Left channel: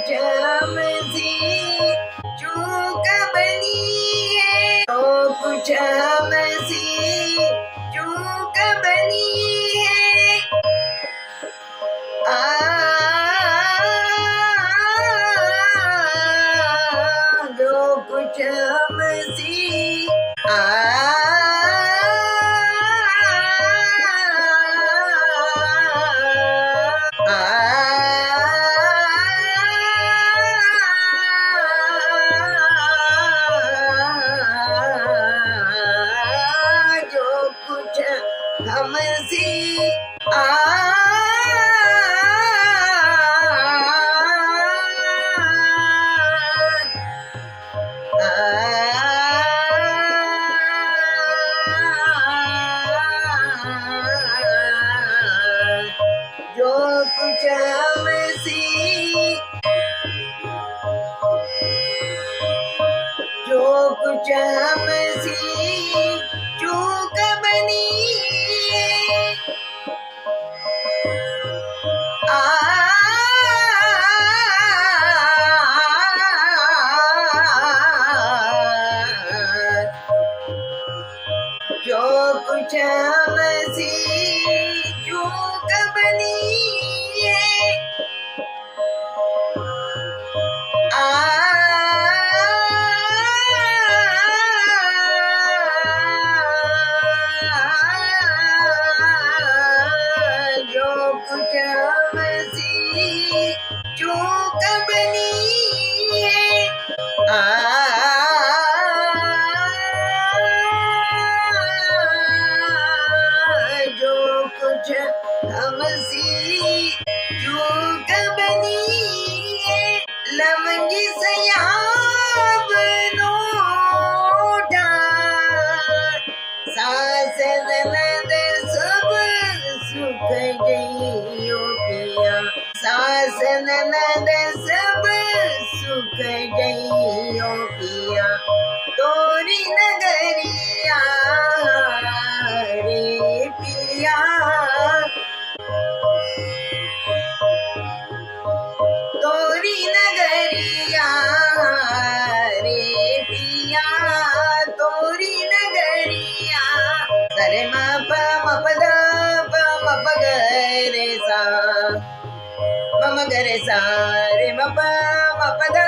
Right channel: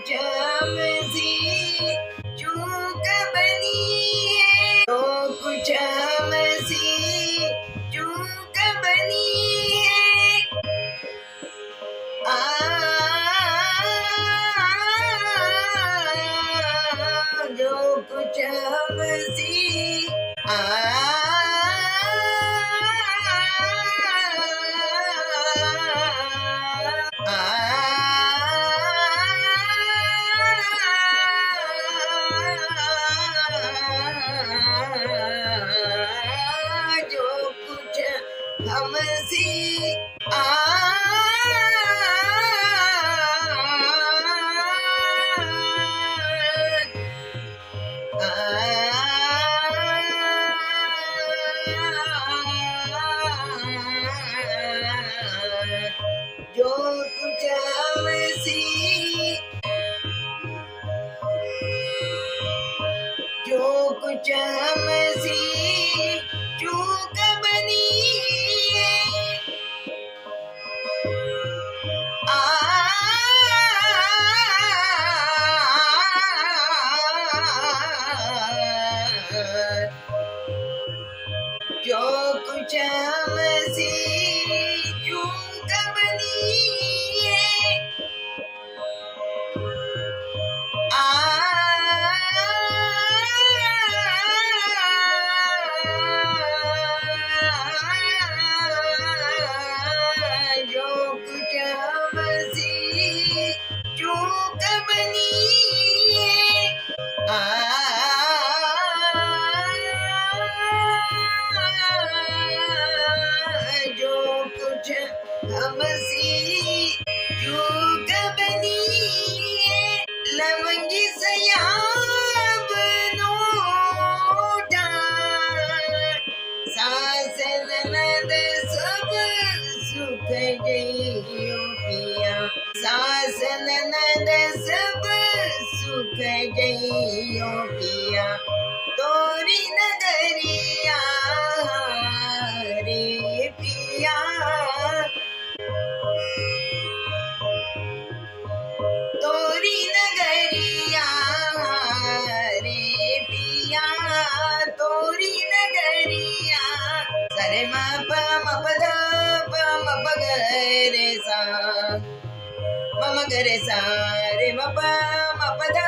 कुछ हमसे चूक बनी है, जो कुछ हमसे चूक बनी है। जो कुछ हमसे जो कुछ हमसे जो कुछ हमसे जो कुछ हमसे चूक बनी है। जो कुछ हमसे चूक बनी है। जो कुछ हमसे चूक बनी है। जो कुछ हमसे चूक बनी है। लवंगी सयाब नोटा सास ननद सब सुख गइयो पिया। सास ननद सब सुख गइयो पिया। तोरी नगरिया रे पिया। तोरी नगरिया रे पिया। तोरी नगरिया। सरे म प म प द प म प ग रे सा म म ग रे सा रे म प म प द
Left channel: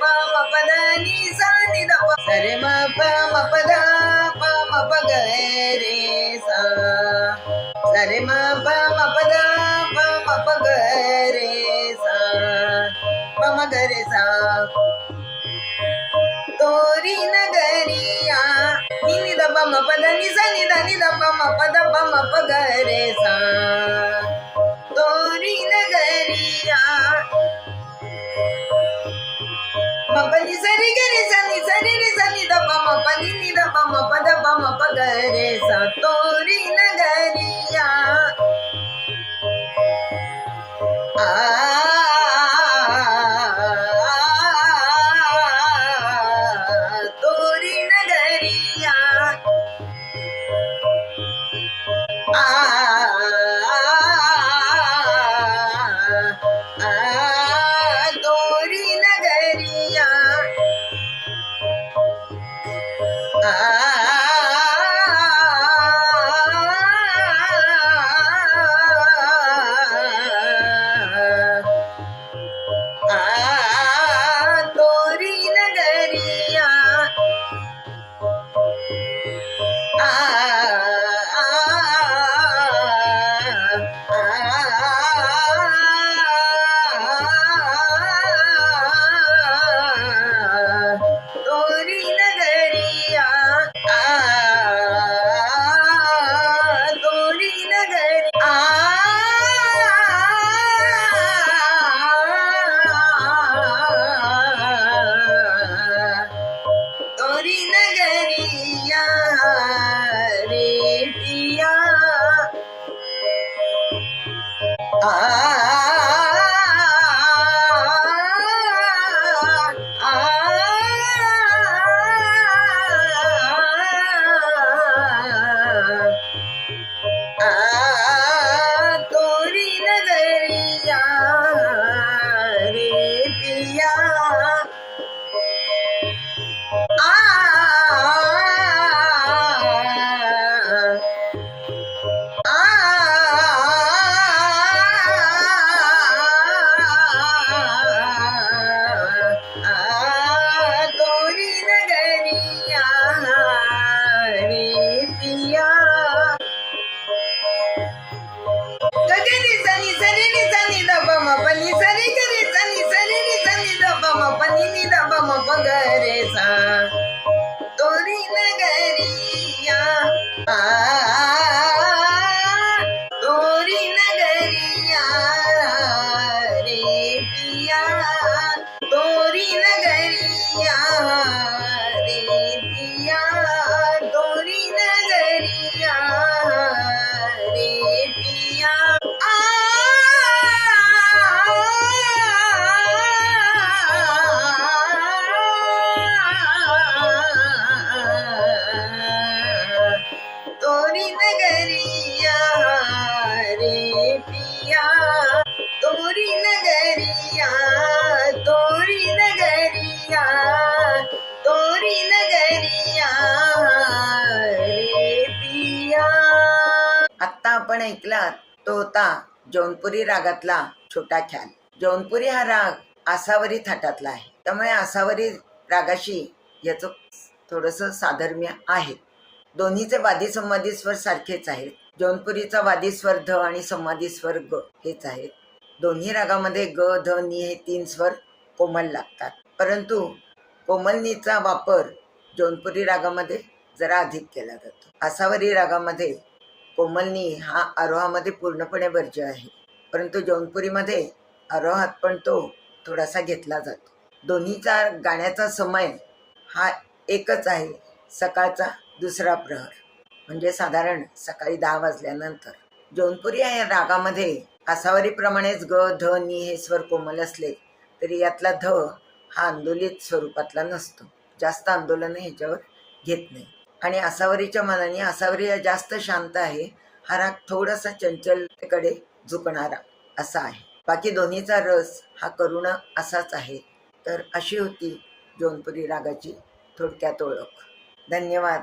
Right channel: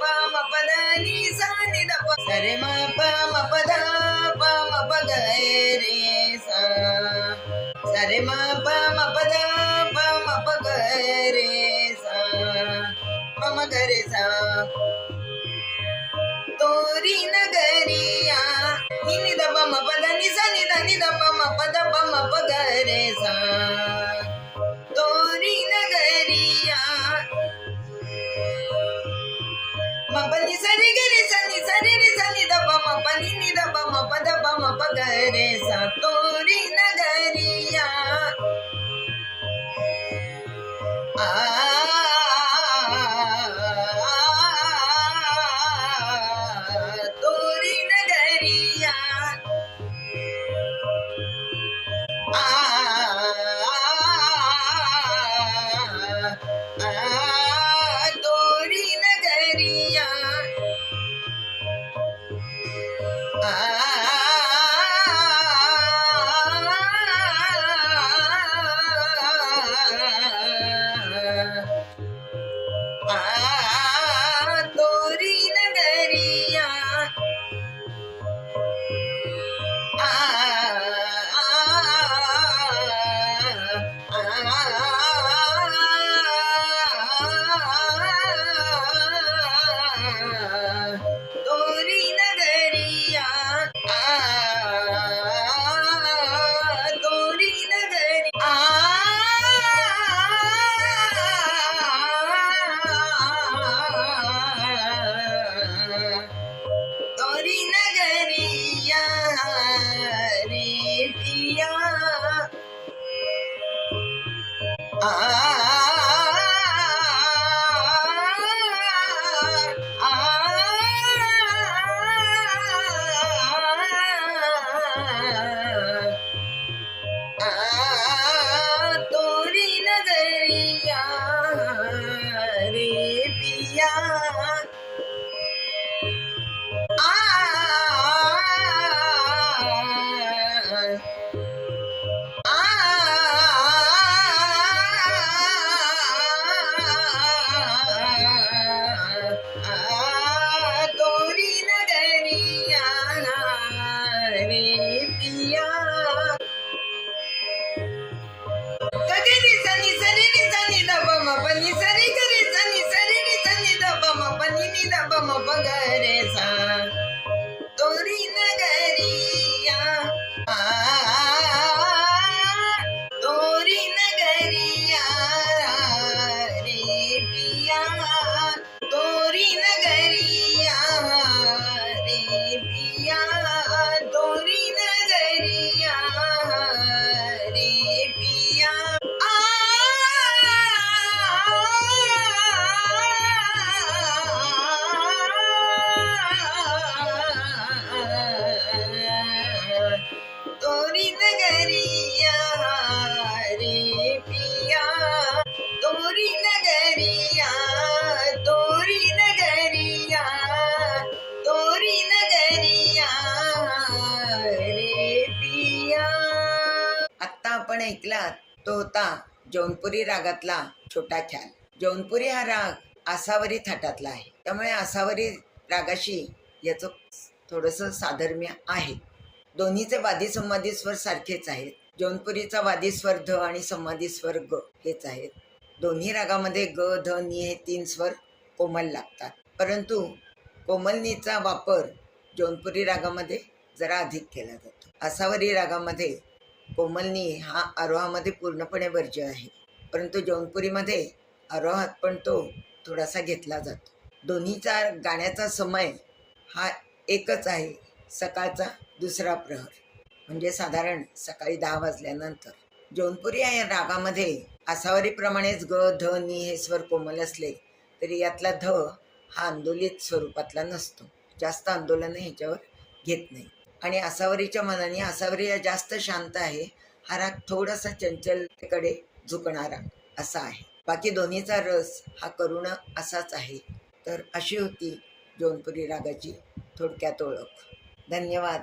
प म प द नि सा नि द प। सरे म प म प द प म प ग रे सा। सरे म प म प द प म प ग रे सा म म ग रे सा। तोरी नगरिया नि नि द प म प द नि सा नि द प म प द प म प ग रे सा। तोरी नगरिया म प नि सा रे ग रे सा नि सा रे रे सा नि द प म प नि द प म प द प म प ग रे सा। तोरी नगरिया तोरी नगरिया तोरी नगरिया तोरी नगरिया तोरी नगरिया तोरी नगरिया आपण ऐकला तो होता जौनपुरी रागातला छोटा ख्याल. जौनपुरी हा राग आसावरी थाटातला आहे, त्यामुळे आसावरी रागाशी याचं थोडंसं साधर्म्य आहे. दोन्हीचे वादी संवादी स्वर सारखेच आहेत. जौनपुरीचा वादी स्वर ध आणि संवादी स्वर ग हेच आहेत. दोन्ही रागामध्ये ग ध नी हे 3 स्वर कोमल लागतात, परंतु कोमलनीचा वापर जौनपुरी रागामध्ये जरा अधिक केला जातो. आसावरी रागामध्ये कोमलनी हा आरोहामध्ये पूर्णपणे वर्ज्य आहे, परंतु जौनपुरीमध्ये आरोहात पण तो थोडासा घेतला जातो. दोन्हीचा गाण्याचा समय हा एकच आहे, सकाळचा दुसरा प्रहर, म्हणजे साधारण सकाळी 10 वाजल्यानंतर. जौनपुरी या रागामध्ये आसावरीप्रमाणेच ग ध नी हे स्वर कोमल असले तरी यातला ध हा आंदोलित स्वरूपातला नसतो, जास्त आंदोलन ह्याच्यावर घेत नाही. आणि आसावरीच्या मनाने आसावरी हा जास्त शांत आहे, हा राग थोडासा चंचलतेकडे झुकणारा असा आहे. बाकी दोन्हीचा रस हा करुण असाच आहे. तर अशी होती जौनपुरी रागाची थोडक्यात ओळख. धन्यवाद.